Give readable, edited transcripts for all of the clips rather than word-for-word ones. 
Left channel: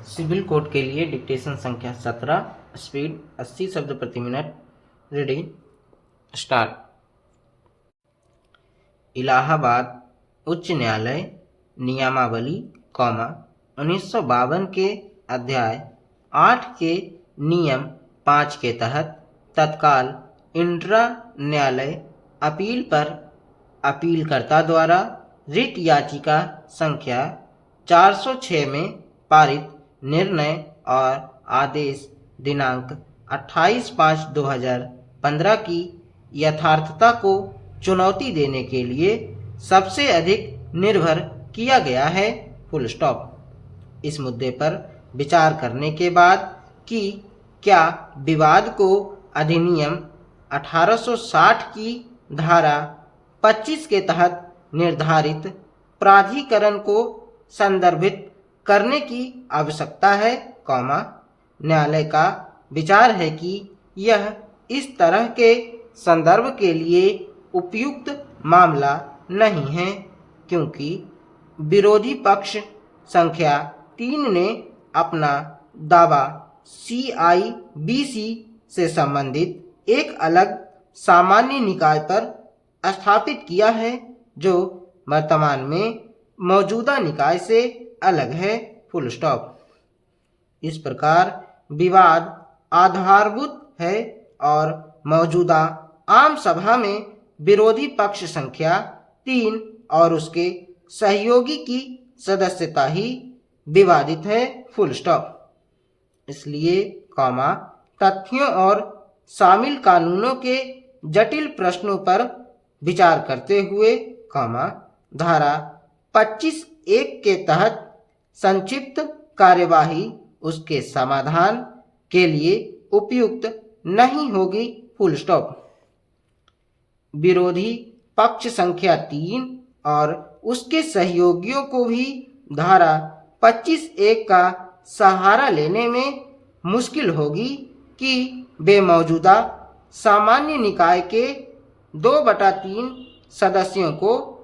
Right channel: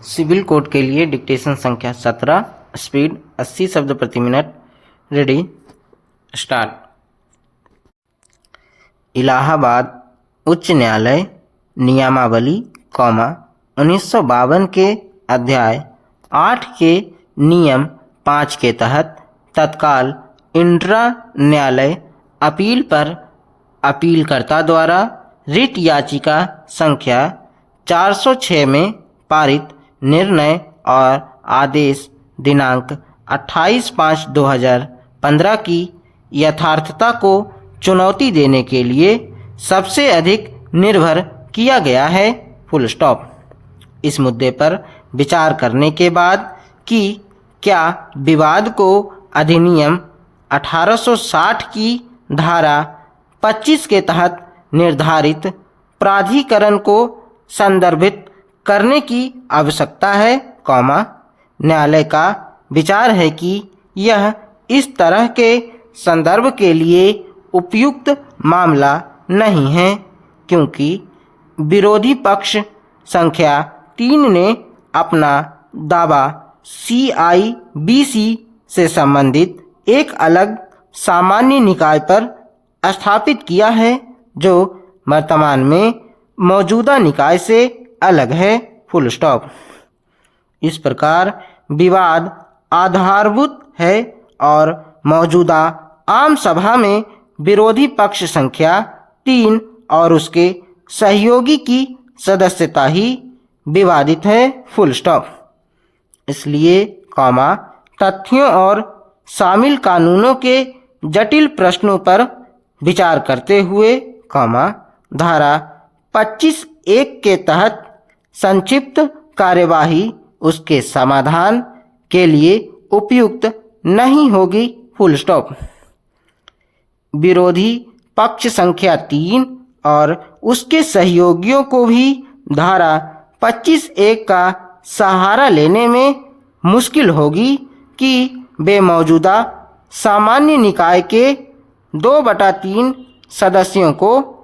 Civil code के लिए dictation संख्या 17, स्पीड 80 शब्द प्रति मिनट। Ready, start. इलाहाबाद उच्च न्यायालय नियमावली, 1952 के अध्याय 8 के नियम 5 के तहत तत्काल इंट्रा न्यायालय अपील पर अपीलकर्ता द्वारा रिट याचिका संख्या 406 में पारित निर्णय और आदेश दिनांक 28/5/2015 की यथार्थता को चुनौती देने के लिए सबसे अधिक निर्भर किया गया है। Full stop. इस मुद्दे पर विचार करने के बाद कि क्या विवाद को अधिनियम 1860 की धारा 25 के तहत निर्धारित प्राधिकरण को संदर्भित करने की आवश्यकता है, न्यायालय का विचार है कि यह इस तरह के संदर्भ के लिए उपयुक्त मामला नहीं है, क्योंकि विरोधी पक्ष संख्या 3 ने अपना दावा CIBC से संबंधित एक अलग सामान्य निकाय पर स्थापित किया है, जो वर्तमान में मौजूदा निकाय से अलग है। Full stop. इस प्रकार विवाद आधारभूत है और मौजूदा आम सभा में विरोधी पक्ष संख्या 3 और उसके सहयोगी की सदस्यता ही विवादित है। Full stop. इसलिए तथ्यों और शामिल कानूनों के जटिल प्रश्नों पर विचार करते हुए धारा 25(1) के तहत संक्षिप्त कार्यवाही उसके समाधान के लिए उपयुक्त नहीं होगी। Full stop. विरोधी पक्ष संख्या 3 और उसके सहयोगियों को भी धारा 25(1) का सहारा लेने में मुश्किल होगी कि वे मौजूदा सामान्य निकाय के 2/3 सदस्यों को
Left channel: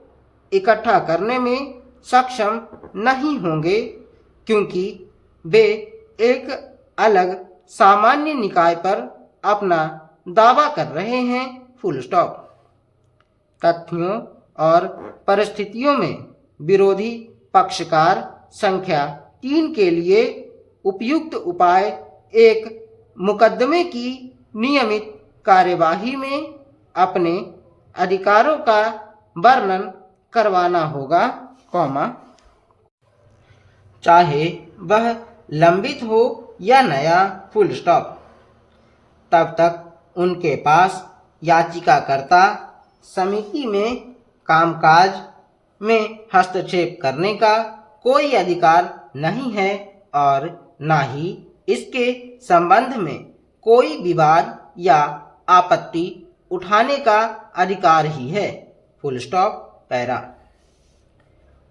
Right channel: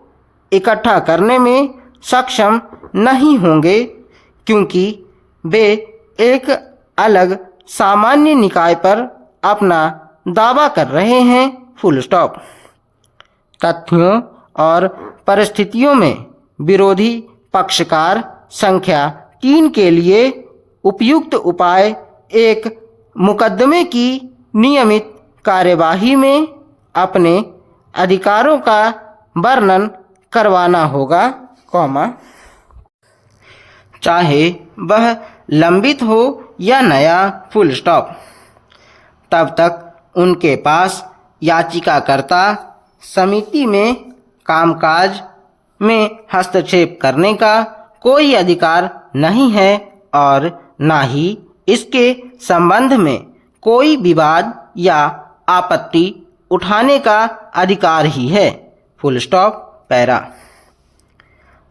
इकट्ठा करने में सक्षम नहीं होंगे, क्योंकि वे एक अलग सामान्य निकाय पर अपना दावा कर रहे हैं। Full stop. तथ्यों और परिस्थितियों में विरोधी पक्षकार संख्या 3 के लिए उपयुक्त उपाय एक मुकदमे की नियमित कार्यवाही में अपने अधिकारों का वर्णन करवाना होगा, चाहे वह लंबित हो या नया। Full stop. तब तक उनके पास याचिकाकर्ता समिति में कामकाज में हस्तक्षेप करने का कोई अधिकार नहीं है और न ही इसके संबंध में कोई विवाद या आपत्ति उठाने का अधिकार ही है। Full stop. पैरा।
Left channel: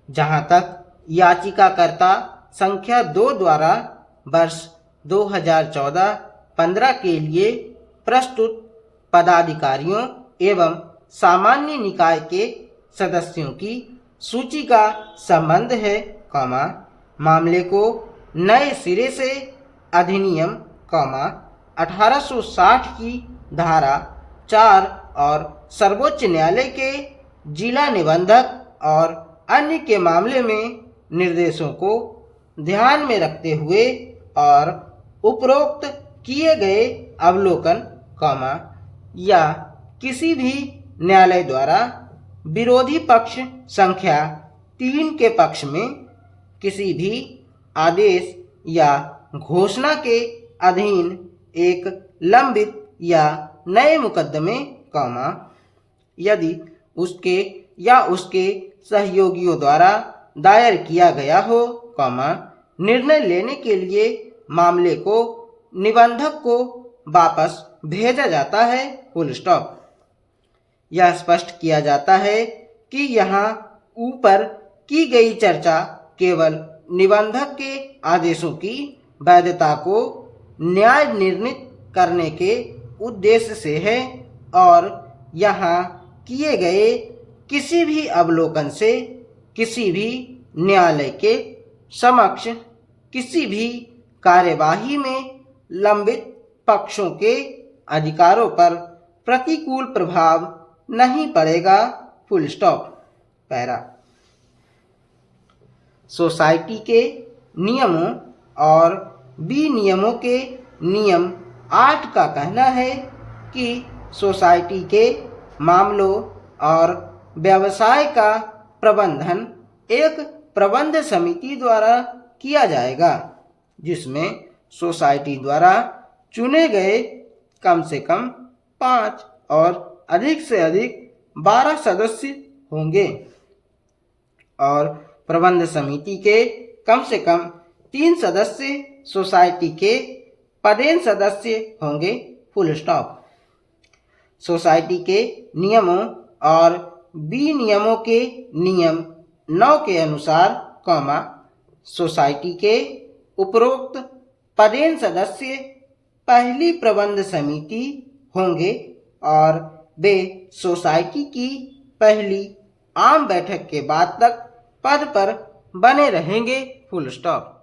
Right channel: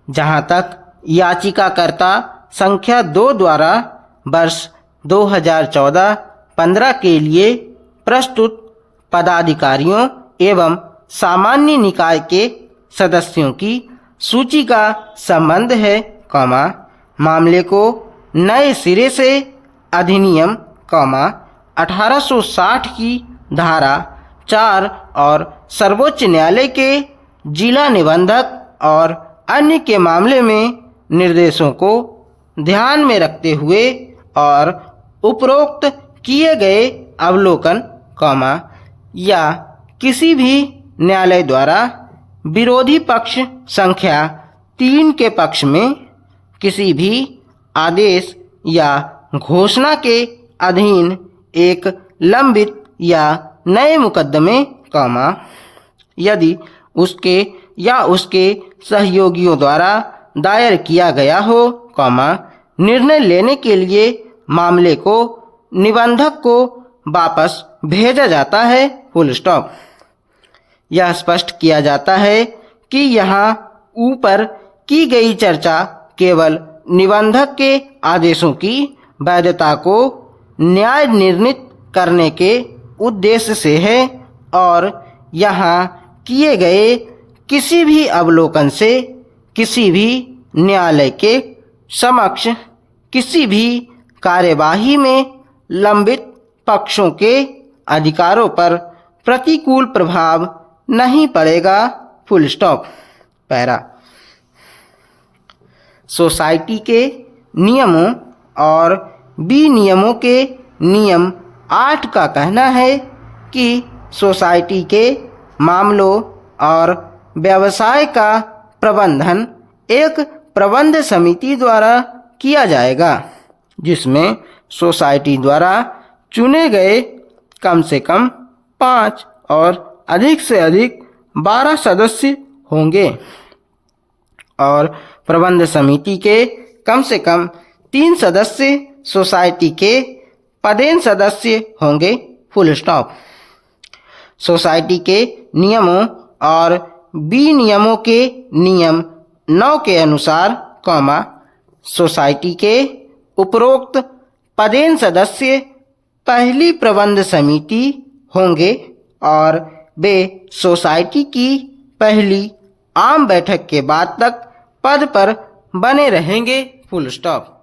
जहां तक याचिकाकर्ता संख्या 2 द्वारा वर्ष 2014-15 के लिए प्रस्तुत पदाधिकारियों एवं सामान्य निकाय के सदस्यों की सूची का संबंध है, मामले को नए सिरे से अधिनियम 1860 की धारा 4 और सर्वोच्च न्यायालय के जिला निबंधक और अन्य के मामले में निर्देशों को ध्यान में रखते हुए और उपरोक्त किए गए अवलोकन, या किसी भी न्यायालय द्वारा विरोधी पक्ष संख्या 3 के पक्ष में किसी भी आदेश या घोषणा के अधीन एक लंबित या नए मुकदमे, यदि उसके या उसके सहयोगियों द्वारा दायर किया गया हो, निर्णय लेने के लिए मामले को निबंधक को वापस भेजा जाता है। Full stop. यह स्पष्ट किया जाता है कि यहाँ ऊपर की गई चर्चा केवल निबंधक के आदेशों की वैधता को न्याय निर्णीत करने के उद्देश्य से है और यहाँ किए गए किसी भी अवलोकन से किसी भी न्यायालय के समक्ष किसी भी कार्यवाही में लंबित पक्षों के अधिकारों पर प्रतिकूल प्रभाव नहीं पड़ेगा। Full stop. पैरा। सोसाइटी के नियमों और विनियमों के नियम 8 का कहना है कि सोसाइटी के मामलों और व्यवसाय का प्रबंधन एक प्रबंध समिति द्वारा किया जाएगा, जिसमें सोसाइटी द्वारा चुने गए कम से कम 5 और अधिक से अधिक 12 सदस्य होंगे और प्रबंध समिति के कम से कम 3 सदस्य सोसाइटी के पदेन सदस्य होंगे। Full stop. सोसाइटी के नियमों और विनियमों के नियम 9 के अनुसार, सोसाइटी के उपरोक्त पदेन सदस्य पहली प्रबंध समिति होंगे और वे सोसाइटी की पहली आम बैठक के बाद तक पद पर बने रहेंगे। Full stop.